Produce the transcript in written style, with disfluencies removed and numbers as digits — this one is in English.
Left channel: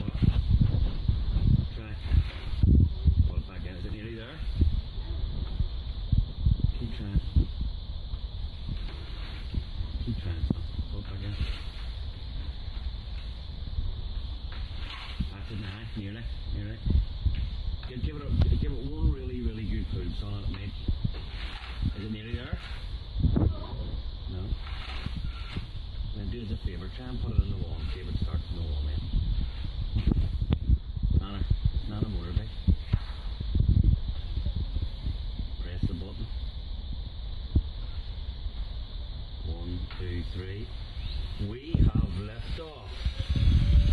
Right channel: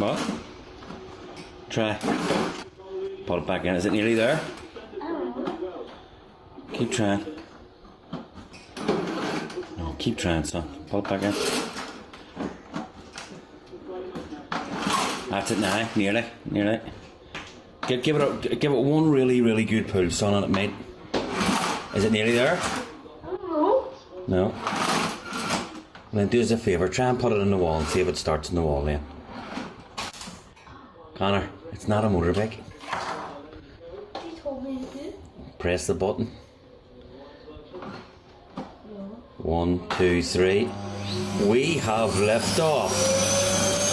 What? Try. Pull it back in. Is it nearly there? Keep trying. No, keep trying, son. Pull it back in. That's it now. Nearly. Nearly. Give it one really good pull, son, and it might. Is it nearly there? No. Then do us a favour. Try and put it in the wall and see if it starts in the wall then. Connor, it's not a motorbike. He told me to. Press the button. 1, 2, 3. We have liftoff.